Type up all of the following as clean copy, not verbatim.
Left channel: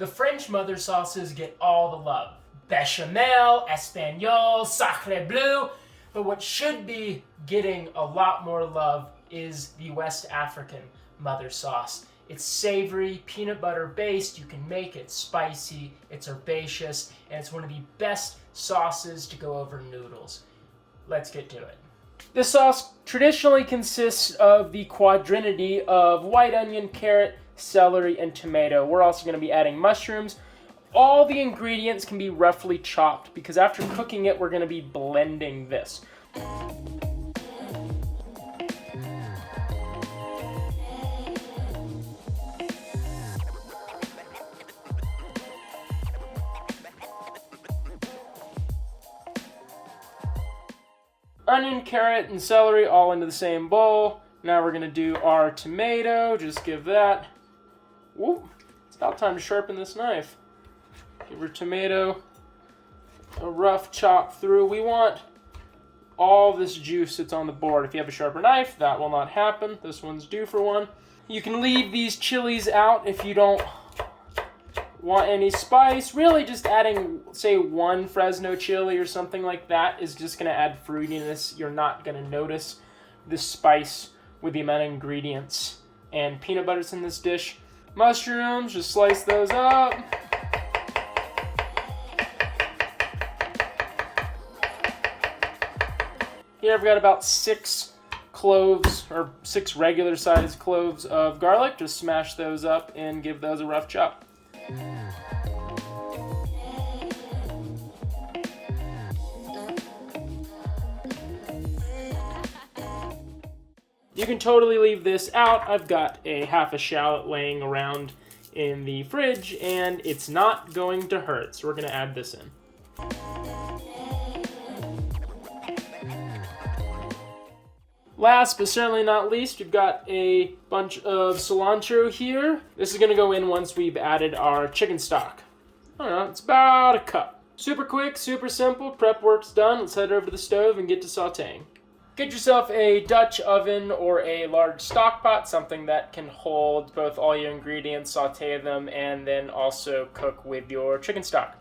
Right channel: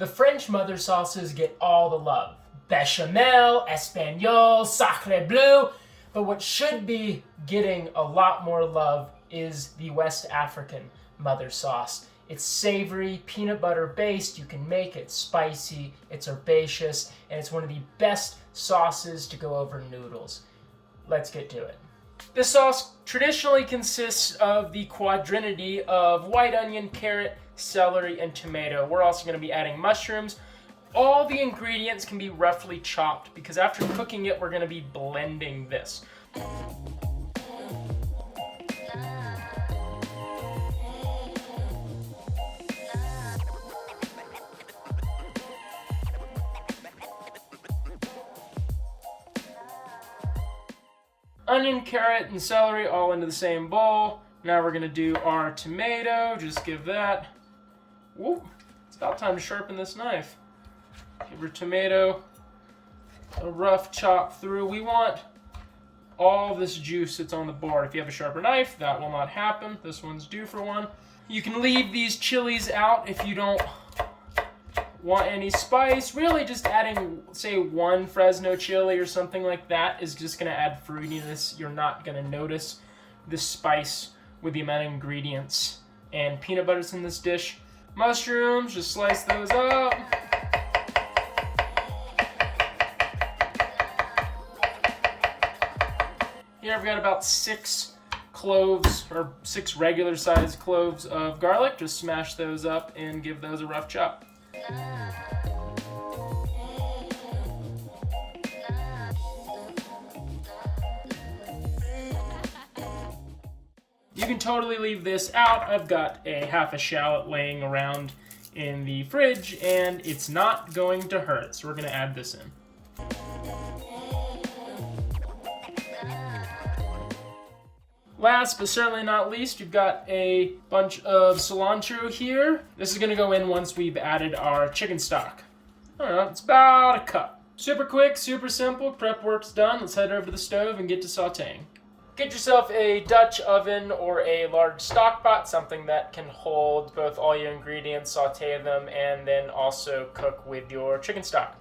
The French mother sauces get all the love. Bechamel, Espagnole, Sacre Bleu. But what should be getting a lot more love is the West African mother sauce. It's savory, peanut butter based. You can make it spicy, it's herbaceous, and it's one of the best sauces to go over noodles. Let's get to it. This sauce traditionally consists of the quadrinity of white onion, carrot, celery, and tomato. We're also going to be adding mushrooms. All the ingredients can be roughly chopped because after cooking it, we're going to be blending this. Onion, carrot, and celery all into the same bowl. Now we're going to do our tomato. Just give that. Whoop. It's about time to sharpen this knife. Give your tomato a rough chop through. We want all this juice that's on the board. If you have a sharper knife, that will not happen. This one's due for one. You can leave these chilies out if you don't want any spice. Really just adding, say, one Fresno chili or something like that is just going to add fruitiness. You're not going to notice the spice with the amount of ingredients and peanut butter's in this dish. Mushrooms, just slice those up. Here I've got about 6 cloves, or 6 regular sized cloves of garlic. Just smash those up and give those a rough chop. You can totally leave this out. I've got a half a shallot laying around in the fridge and it's not going to hurt, so we're going to add this in. Last but certainly not least, you've got a bunch of cilantro here. This is going to go in once we've added our chicken stock. I don't know, it's about a cup. Super quick, super simple, prep work's done. Let's head over to the stove and get to sauteing. Get yourself a Dutch oven or a large stock pot, something that can hold both all your ingredients, saute them, and then also cook with your chicken stock.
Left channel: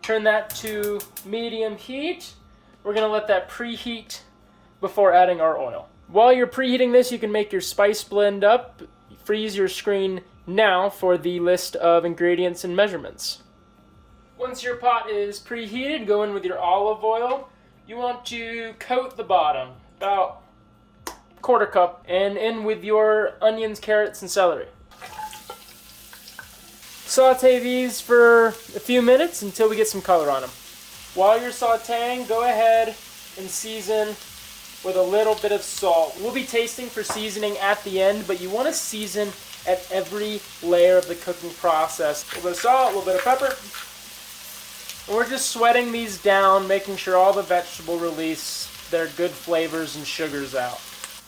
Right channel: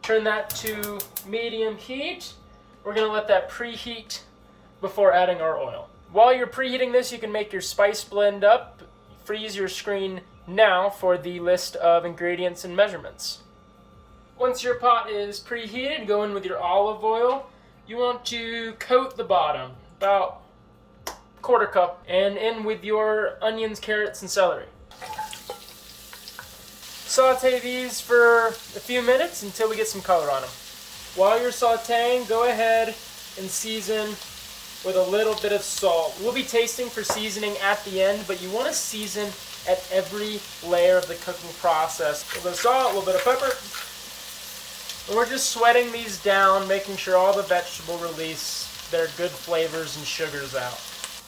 Turn that to medium heat. We're going to let that preheat before adding our oil. While you're preheating this, you can make your spice blend up. Freeze your screen now for the list of ingredients and measurements. Once your pot is preheated, go in with your olive oil. You want to coat the bottom, about a quarter cup, and in with your onions, carrots, and celery. Saute these for a few minutes until we get some color on them. While you're sauteing, go ahead and season with a little bit of salt. We'll be tasting for seasoning at the end, but you want to season at every layer of the cooking process. A little bit of salt, a little bit of pepper. And we're just sweating these down, making sure all the vegetable release their good flavors and sugars out.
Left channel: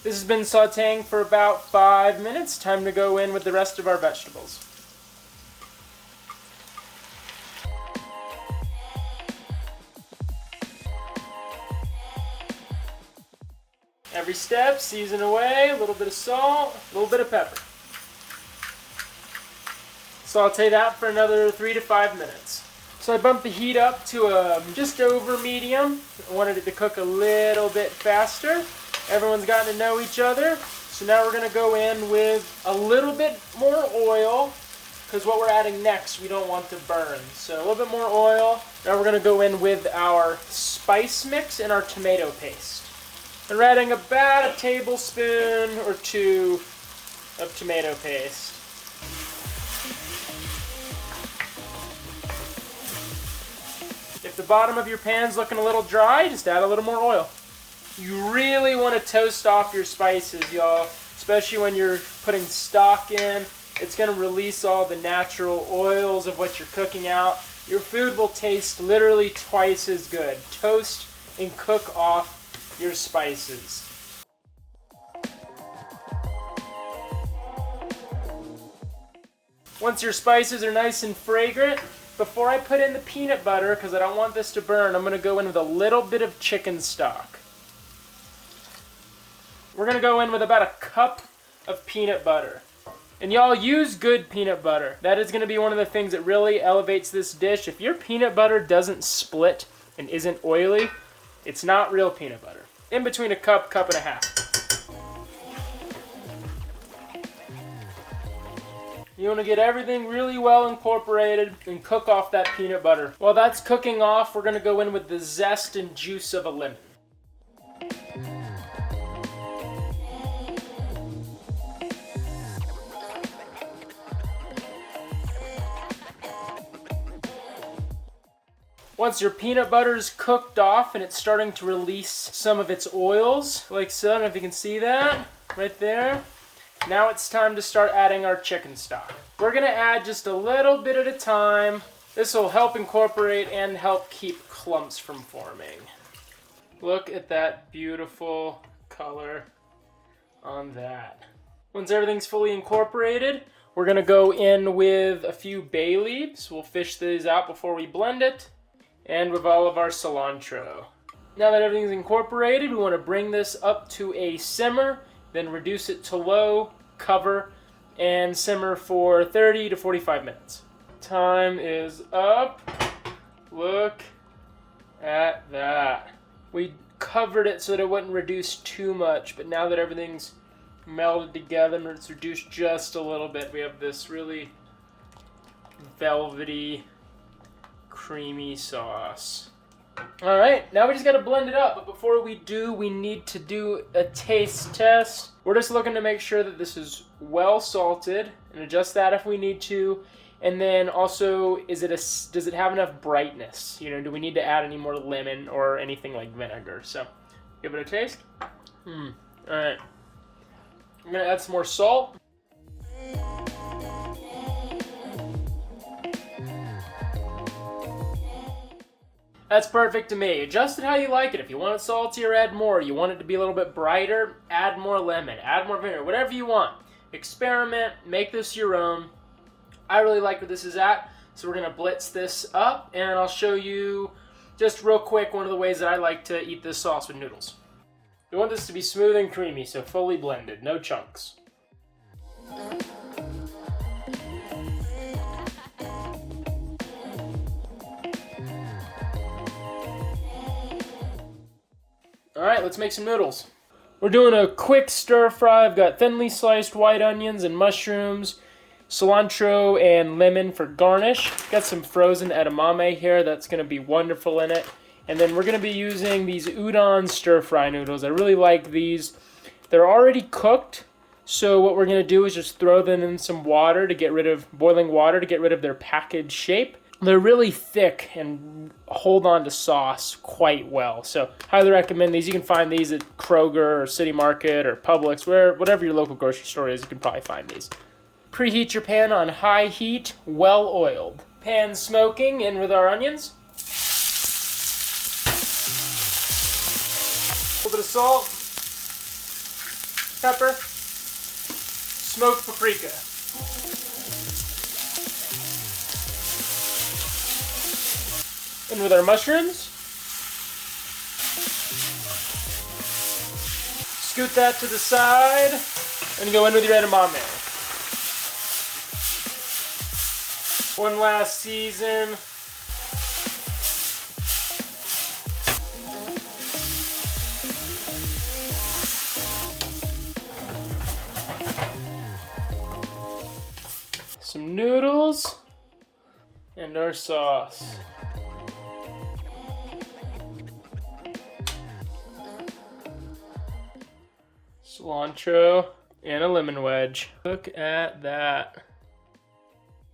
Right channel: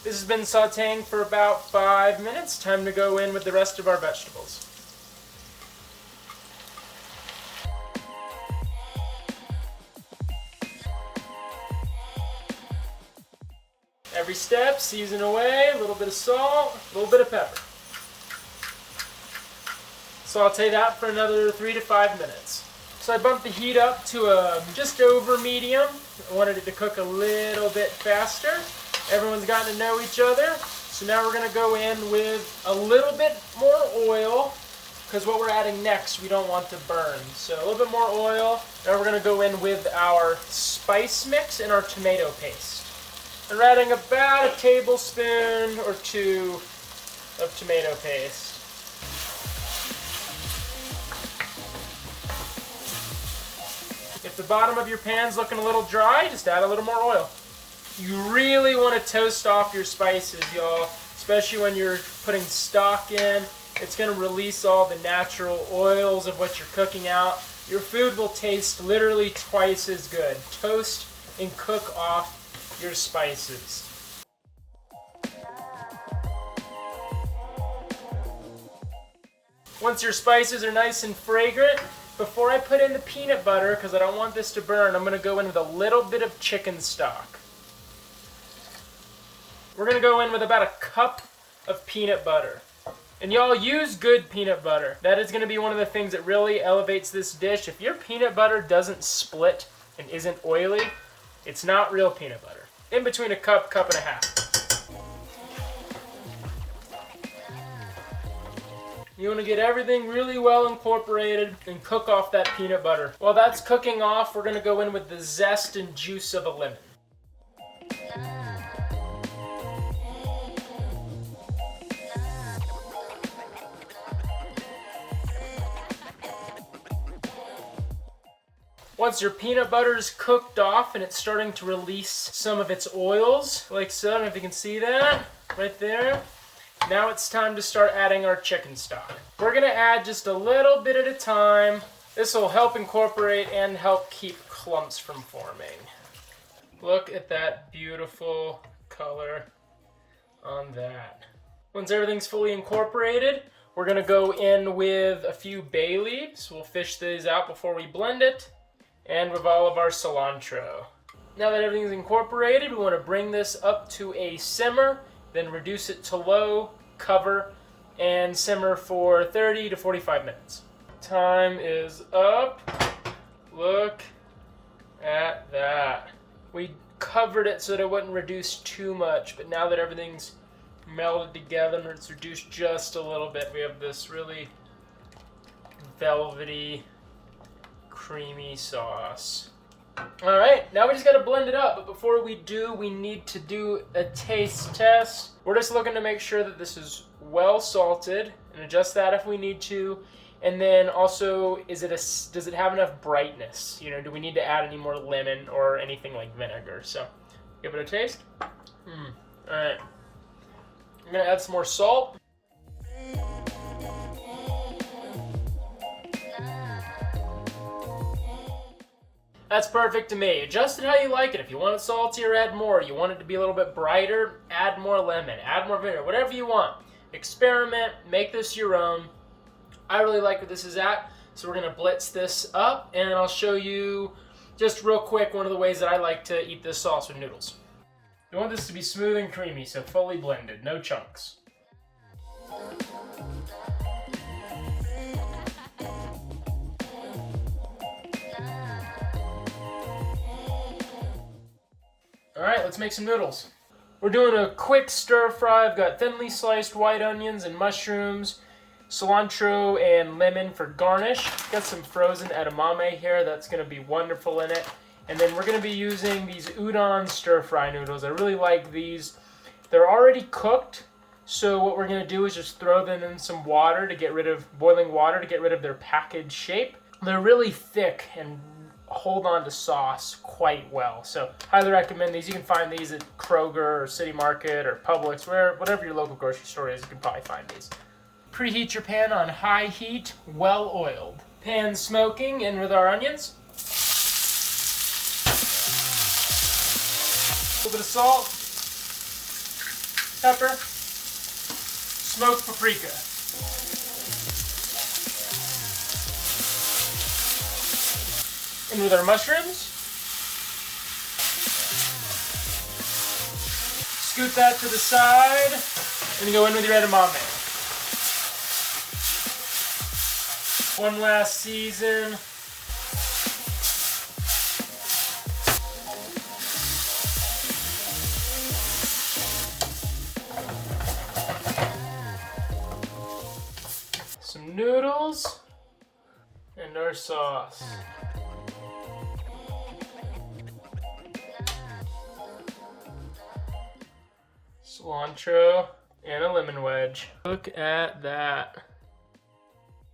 This has been sauteing for about 5 minutes. Time to go in with the rest of our vegetables. Every step, season away, a little bit of salt, a little bit of pepper. Saute that for another 3 to 5 minutes. So I bumped the heat up to just over medium. I wanted it to cook a little bit faster. Everyone's gotten to know each other. So now we're going to go in with a little bit more oil, because what we're adding next we don't want to burn. So a little bit more oil. Now we're going to go in with our spice mix and our tomato paste. And we're adding about a tablespoon or 2 of tomato paste. If the bottom of your pan's looking a little dry, just add a little more oil. You really want to toast off your spices, y'all, especially when you're putting stock in. It's going to release all the natural oils of what you're cooking out. Your food will taste literally twice as good. Toast and cook off your spices. Once your spices are nice and fragrant, before I put in the peanut butter, because I don't want this to burn, I'm going to go in with a little bit of chicken stock. We're going to go in with about a cup of peanut butter. And y'all, use good peanut butter. That is going to be one of the things that really elevates this dish. If your peanut butter doesn't split and isn't oily, it's not real peanut butter. In between a cup and a half. You want to get everything really well incorporated and cook off that peanut butter. While that's cooking off, we're going to go in with the zest and juice of a lemon. Once your peanut butter's cooked off and it's starting to release some of its oils, like so, I don't know if you can see that, right there. Now it's time to start adding our chicken stock. We're gonna add just a little bit at a time. This will help incorporate and help keep clumps from forming. Look at that beautiful color on that. Once everything's fully incorporated, we're gonna go in with a few bay leaves. We'll fish these out before we blend it. And with all of our cilantro. Now that everything's incorporated, we want to bring this up to a simmer, then reduce it to low, cover, and simmer for 30 to 45 minutes. Time is up. Look at that. We covered it so that it wouldn't reduce too much, but now that everything's melded together and it's reduced just a little bit, we have this really velvety, creamy sauce. All right, now we just gotta blend it up, but before we do, we need to do a taste test. We're just looking to make sure that this is well salted and adjust that if we need to. And then also, does it have enough brightness? You know, do we need to add any more lemon or anything like vinegar? So, give it a taste. All right, I'm gonna add some more salt. That's perfect to me. Adjust it how you like it. If you want it saltier, add more. You want it to be a little bit brighter, add more lemon, add more vinegar, whatever you want. Experiment, make this your own. I really like where this is at, so we're gonna blitz this up, and I'll show you just real quick one of the ways that I like to eat this sauce with noodles. You want this to be smooth and creamy, so fully blended, no chunks. Alright, let's make some noodles. We're doing a quick stir fry. I've got thinly sliced white onions and mushrooms, cilantro and lemon for garnish. Got some frozen edamame here. That's going to be wonderful in it. And then we're going to be using these udon stir fry noodles. I really like these. They're already cooked, so what we're going to do is just throw them in some water to get rid of, boiling water to get rid of their package shape. They're really thick and hold on to sauce quite well. So highly recommend these. You can find these at Kroger or City Market or Publix, whatever your local grocery store is, you can probably find these. Preheat your pan on high heat, well oiled. Pan smoking, in with our onions. A little bit of salt, pepper, smoked paprika. In with our mushrooms. Scoot that to the side, and you go in with your edamame. One last season. Some noodles and our sauce. Cilantro and a lemon wedge. Look at that.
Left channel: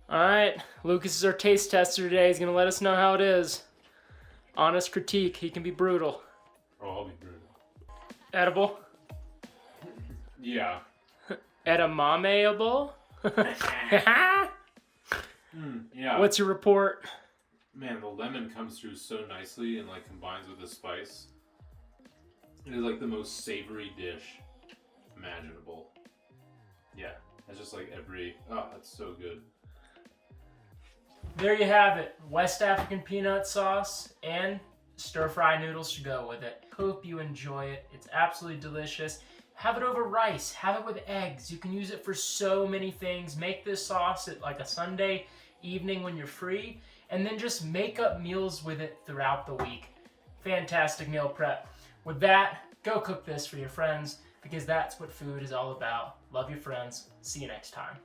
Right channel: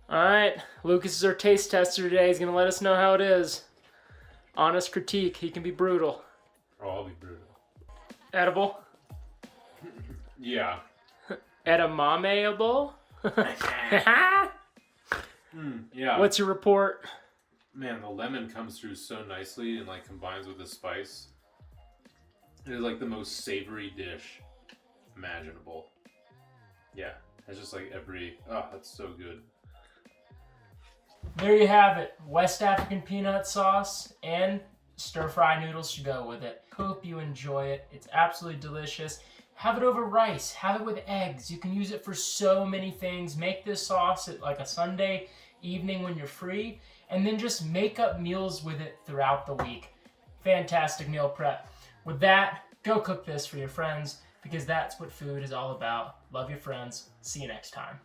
Alright, Lucas is our taste tester today. He's going to let us know how it is. Honest critique. He can be brutal. Oh, I'll be brutal. Edible? Yeah. Edamameable? Yeah. What's your report? Man, the lemon comes through so nicely and like combines with the spice. It is like the most savory dish imaginable. Yeah, that's just like that's so good. There you have it. West African peanut sauce and stir-fry noodles to go with it. Hope you enjoy it. It's absolutely delicious. Have it over rice. Have it with eggs. You can use it for so many things. Make this sauce at like a Sunday evening when you're free, and then just make up meals with it throughout the week. Fantastic meal prep. With that, go cook this for your friends, because that's what food is all about. Love your friends. See you next time.